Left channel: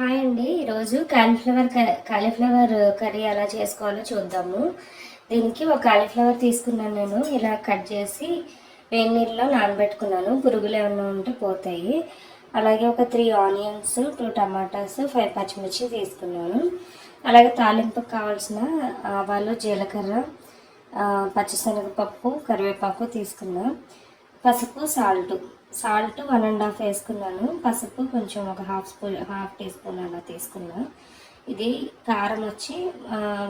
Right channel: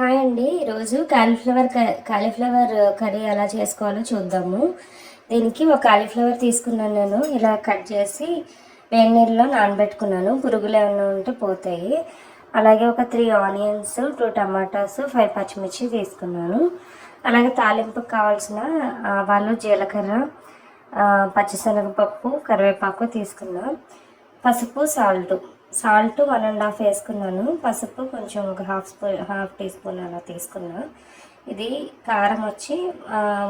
Hi అండి. ఈరోజు cauliflower curry ఎలా చేసుకోవాలో చూద్దాము. దీనికి ఒక కాలీఫ్లవర్ తీసుకున్నాను. నేను ఇలా కట్ చేసి వేడి నీళ్ళలో నానబెట్టుకున్నాను. పురుగులు ఏమైనా ఉంటే పోతాయి. అలాగే ఒక 3 ఆనియన్స్, 2 టమాటాస్, 5 పచ్చిమిర్చి తీసుకున్నాను. అలాగే తాలింపుకి కావాల్సిన ఆవాలు, జీలకర్ర, పచ్చిశనగపప్పు, కరివేపాకు తీసుకున్నాను. పసుపు, సాల్ట్ 1.5 వేసుకున్నాను. పసుపు కొంచెం ఒక హాఫ్ టీ స్పూన్ అలా తీసుకున్నా. ఇది కారం వచ్చి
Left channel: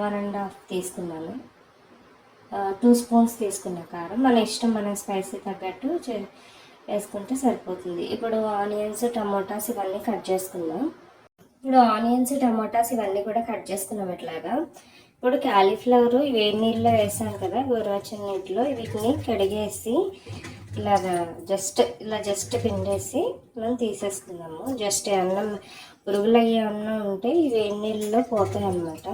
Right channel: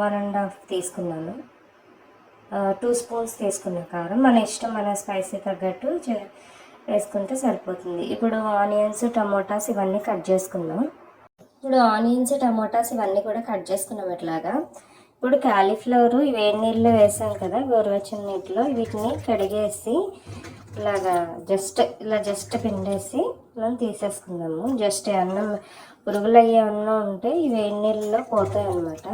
1.5 తీసుకున్నాను. 2 స్పూన్స్ తీసుకున్నా కారం. మన ఇష్టం, మన స్పైసీ తగ్గట్టు వేసుకుంటే సరిపోతుంది. ఇప్పుడు ఆనియన్స్, టమోటాస్ ఇవన్నీ కట్ చేసుకున్నాం. కూడా కట్ చేసుకున్నాం ఇట్లాగా. ఇప్పుడు కాలీఫ్లవర్ వేడి నీళ్ళలో వేసాను కదా, గోరువెచ్చని నీటిలో, వీటిని కడిగేసి జస్ట్ పిండేసి మనం తీసేసుకుందాము. జస్ట్ అన్నం పురుగులు అయ్యే అన్నం ఉంటే ఈ వేడి నీళ్ళలో పోతాయి అన్నమాట.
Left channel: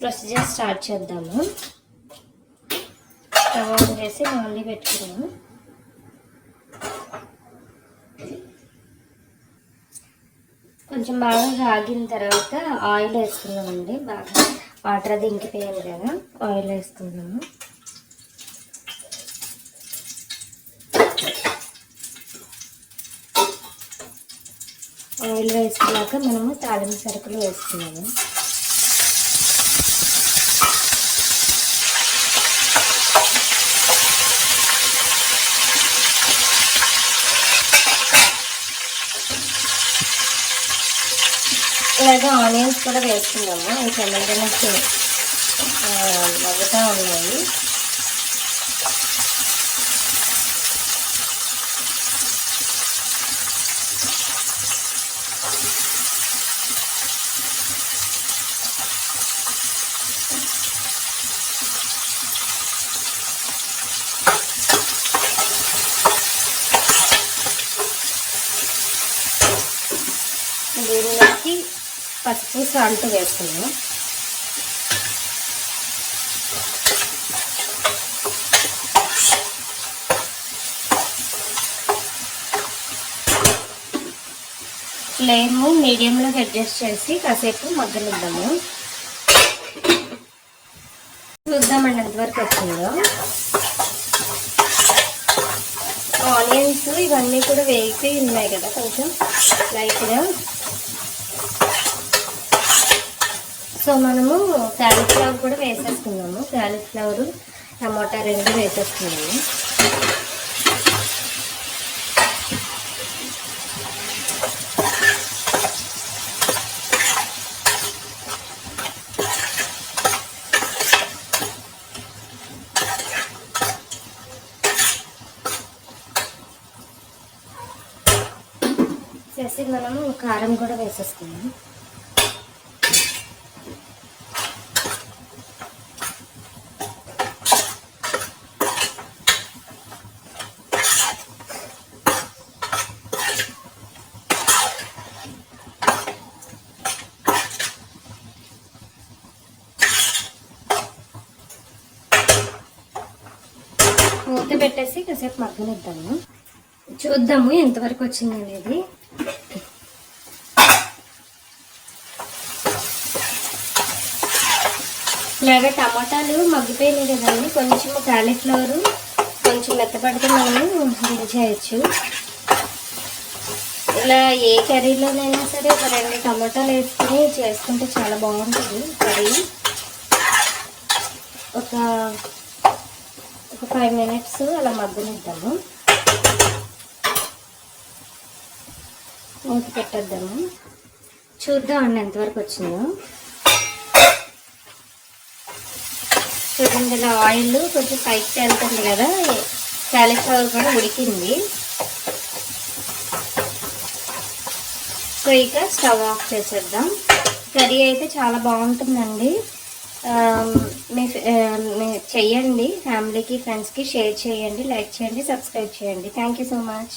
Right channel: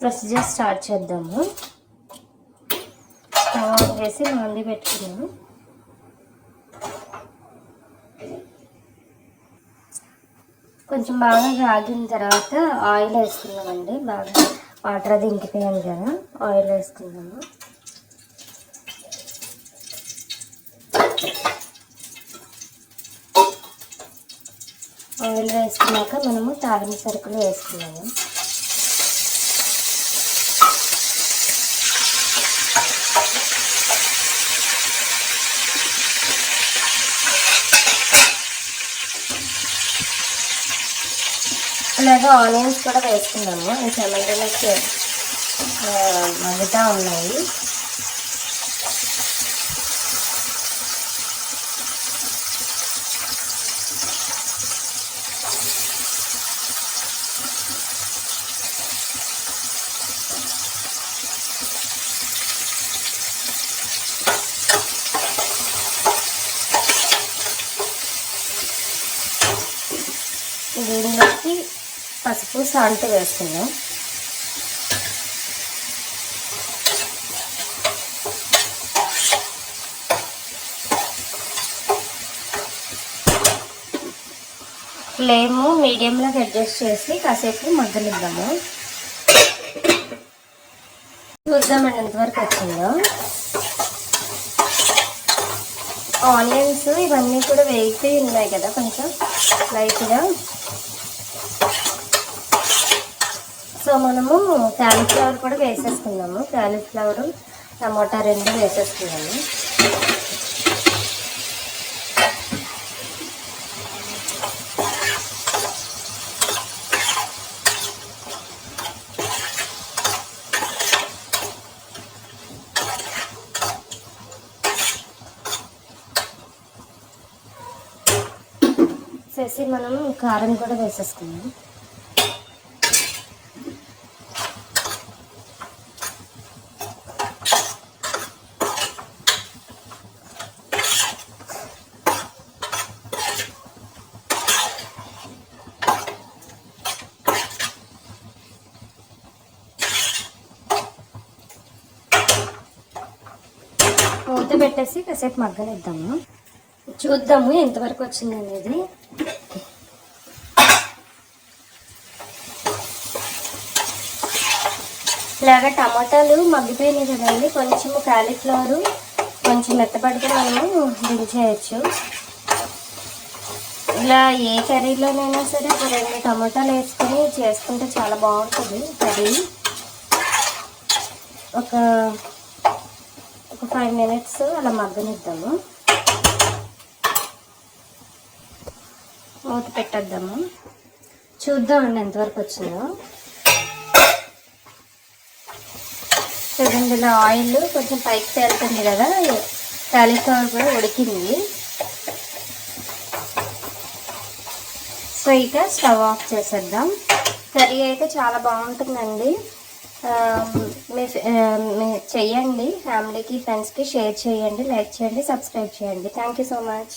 ప్రొసీజర్ స్టార్ట్ చేద్దాము. స్టవ్ ఆన్ చేసి బాండి పెట్టుకున్నాము. కొంచెం బాగా కాగిన తర్వాత ఆయిల్ వేసుకుందామండి. బాగా వాటర్ అది ఇంకిపోయాను కదా, ఆయిల్ వేసుకుందాము. ఆయిల్ వేసుకున్నాక మనము తాలింపు సరుకులు వేసుకున్నాము. ఇలాగా ఆనియన్స్ కూడా వేసుకున్నాము. టమాటాలు మగ్గుతూ ఉన్నాయి. దీనిలోకి పసుపు, సాల్ట్ వేస్తున్నాం. ఫ్లేమ్ మీడియంలోకి అడ్జస్ట్ చేసి కాసేపు మగ్గనిద్దాము. చూద్దామండి ఎంతవరకు వచ్చిందో. ఆనియన్స్ ఇవన్నీ కూడా వేగిపోయి ఉన్నాయి కదా, కొంచెం లైట్గా. సో మనము కాలీఫ్లవర్ కూడా వేసేసుకున్నాము. కాలీఫ్లవర్, టమాటా 2 వేసేసుకున్నాము. చేసి మనం కారం కూడా వేసేసుకున్నాం. మూత పెట్టేసి కాసేపు మగ్గనిద్దాము. చూద్దాము ఎంతవరకు వచ్చింది అనేది. ఇలాగ టమాటాలు మగ్గిపోయినాయి కదండి. కొంచెం కాలీఫ్లవర్ కొంచెం మెత్తపడితే మనము దించేయచ్చు. ఇలా ఏ కర్రీలోనైనా సరే ఒక 2 టమాటాలు వేసుకొని చేసుకుంటే చాలా బాగుంటుంది కర్రీ. ఒక 5 మినిట్స్ అలా మగ్గనిద్దాము. మూత పెట్టేద్దాము. చూద్దామండి ఎంతవరకు వచ్చిందో. ఇందులో ఆయిల్ కొంచెం పైకి తేలుతుంది కదా, కాలీఫ్లవర్ కూడా ఉడికింది. సో ఇక స్టవ్ ఆఫ్ చేసేద్దాం. కర్రీ అయితే చాలా బాగుంటుందండి. మీ చెయ్యండి, ఫ్యామిలీకి ఫ్రెండ్స్కి షేర్ చేయండి, లైక్ చేయండి, సబ్స్క్రైబ్ చేయండి. Thank you so much.